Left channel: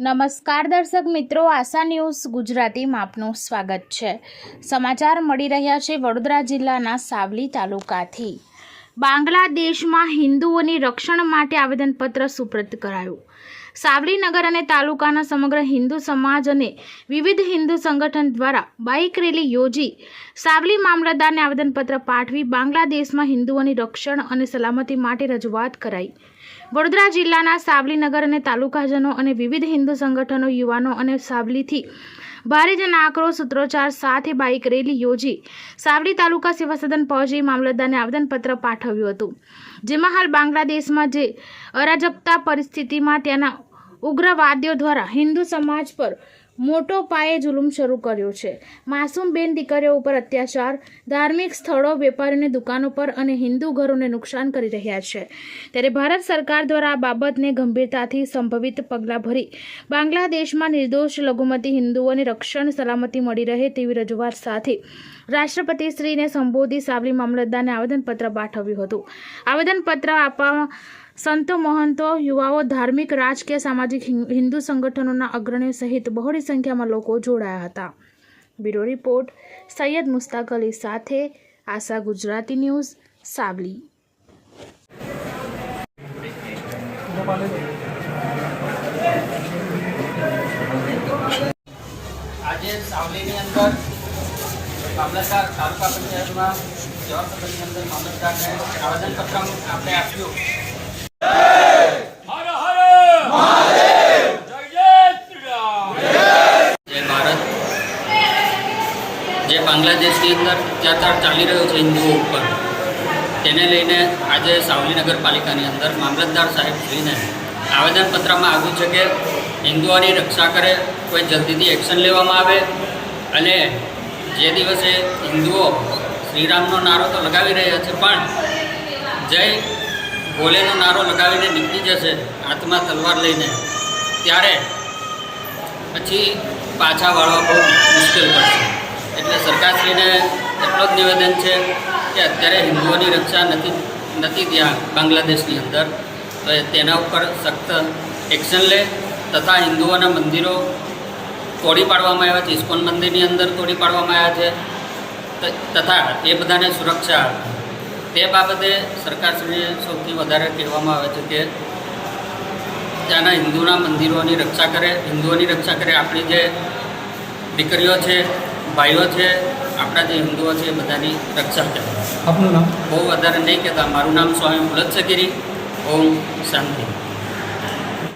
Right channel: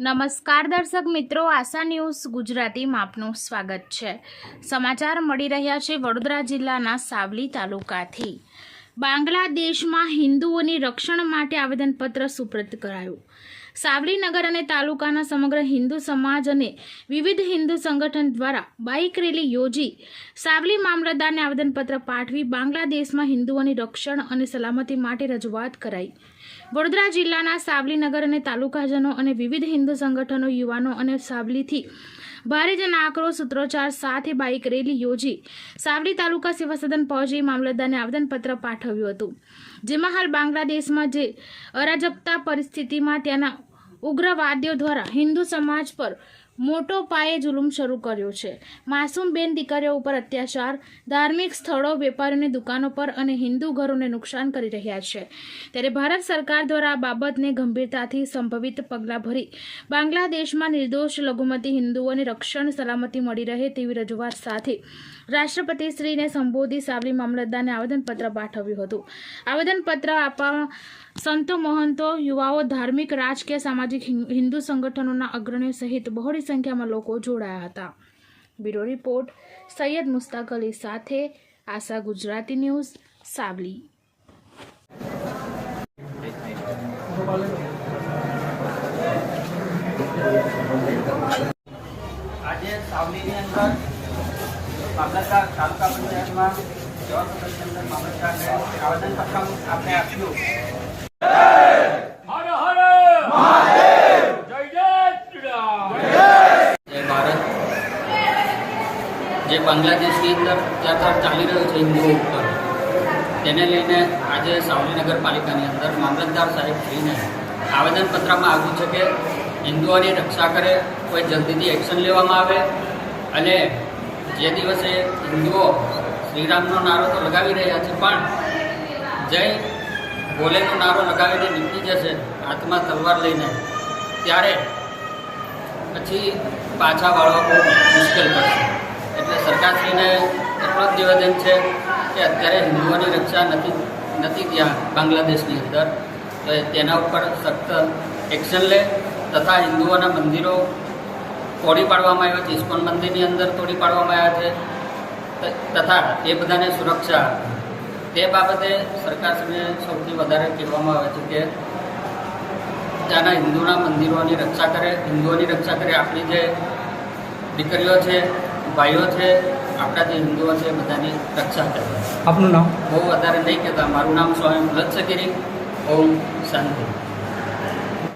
નમસ્કાર દર્શક મિત્રો, આશા ન્યૂઝ ગુજરાતીમાં આપનું સ્વાગત છે. સમાચાર મળી રહ્યા છે વડોદરા જિલ્લાના સાવલી તાલુકાથી. બાંગ્લાદેશમાં હિન્દુઓની રક્ષણ માટે આવેદનપત્ર સુપ્રત કરાયું. સાવલી નગર અને તાલુકાના સમગ્ર હિન્દુ સમાજ અને વિવિધ હિન્દુ સંગઠન દ્વારા બાઇક રેલી યોજી સાવલી મામલતદારને આવેદનપત્ર પાઠવી બાંગ્લાદેશમાં હિન્દુઓની રક્ષણ અને સલામતી માટે રજૂઆત કરાઈ. વડોદરા જિલ્લાના સાવલી નગર અને તાલુકાજનો અને વિવિધ હિન્દુ સંગઠનો, યુવાનો અને સાવલીથી ભારે જન આક્રોશ સૂત્રોચ્ચાર સાથે બાઇક રેલી યોજી સાવલી તાલુકા સેવા સદન પહોંચી મામલતદારને આવેદનપત્ર પાઠવ્યું હતું. જેમાં હાલ બાંગ્લાદેશમાં જે અરાજકતા પરિસ્થિતિમાં ત્યાંના ઉગ્રવાદીઓ દ્વારા હિન્દુ સમાજ પર મોટો પાયે જુલુમ શરૂ કર્યો છે. માસૂમ બેન દીકરીઓ ઉપર અત્યાચાર, ધાર્મિક સ્થળો, વેપારીઓની દુકાનો પર અને હિન્દુ ઘરોને નુકસાન કરી રહ્યા છે. ત્યારે ભારત સરકાર દ્વારા આ બાબતને ગંભીરતાથી સંભવિત પગલાં ભરી બાંગ્લાદેશમાં નિર્દોષ લઘુમતી હિન્દુઓને રક્ષણ સલામતી મળી રહે તેવી રજૂઆત સાથે રાષ્ટ્રપતિશ્રીને સંબોધી સાવલી મામલતદારને આવેદનપત્ર પાઠવ્યું હતું. આવેદનપત્ર આપવામાં સંતો મહંતો યુવાઓ ધાર્મિક રાજકીય સામાજિક હિં- હિન્દુ સંગઠનોના અગ્રણીઓ સહિત બહોળી સંખ્યામાં લોકો જોડાયા હતા બ્યુરો રિપોર્ટ સૈયદ મુસ્તાક અલી સાથે આશા ગુજરાતી ન્યૂઝ સાવલી આજે સાવલીની અંદર મામલતદાર તાલુકા પંચાયતમાં જવાબ સદનની અંદર મામલતદારને આવેદનપત્ર આપણે આપ્યું જે બાંગ્લાદેશની અંદર અત્યાચાર ચાલી રહ્યો છે હિન્દુઓ ઉપર, તેને લઈને આજે સાવલી નગરપાલિકાની અંદર મામલતદાર સાહેબ શ્રીને આવેદનપત્રમાં આવ્યું છે કે હિન્દુઓની રક્ષા કરે, કોઈ જલ્દીથી એક્શન લેવામાં આવે અને જે દિવસે હિન્દુઓ શ્રીરામનો નારો તો લગાવી રહ્યા છે, પણ જય ભોલેનો નારો લગાવીને નીકળી જશે હાથમાં તલવાર લઈને, ત્યારે પછી પાછા વાળવા બહુ મુશ્કેલ પડશે. સરકારશ્રીને એટલો જ નિવેદન છે કે અત્યારે હિન્દુઓની રક્ષા નથી નથી ત્યાં બાંગ્લાદેશની અંદર. તો તેના ઉપર સખ્ત એક્શન લે તથા હિન્દુઓના મંદિરો તોડી પાડવામાં આવ્યા છે, ઇસ્કોન મંદિરની અંદર તોડી પાડવામાં આવ્યા છે. તથા એ બધાને સુરક્ષા. તે બાબતે સરકારશ્રીને સૌથી વધારે કહેવામાં આવે છે કે ત્યાંના હિન્દુના મંદિરોની રક્ષા કરે, હિન્દુઓની રક્ષા કરે. આપણી જે દીકરીઓ છે ભાઈઓ છે આપણા જે હિન્દુઓ છે બધાની રક્ષા કરે. આપનું નામ? બહુ વધારે નહીં કહેતા. મારું નામ સ્વામી મુલત સગીરી ઓમ શાંતિ.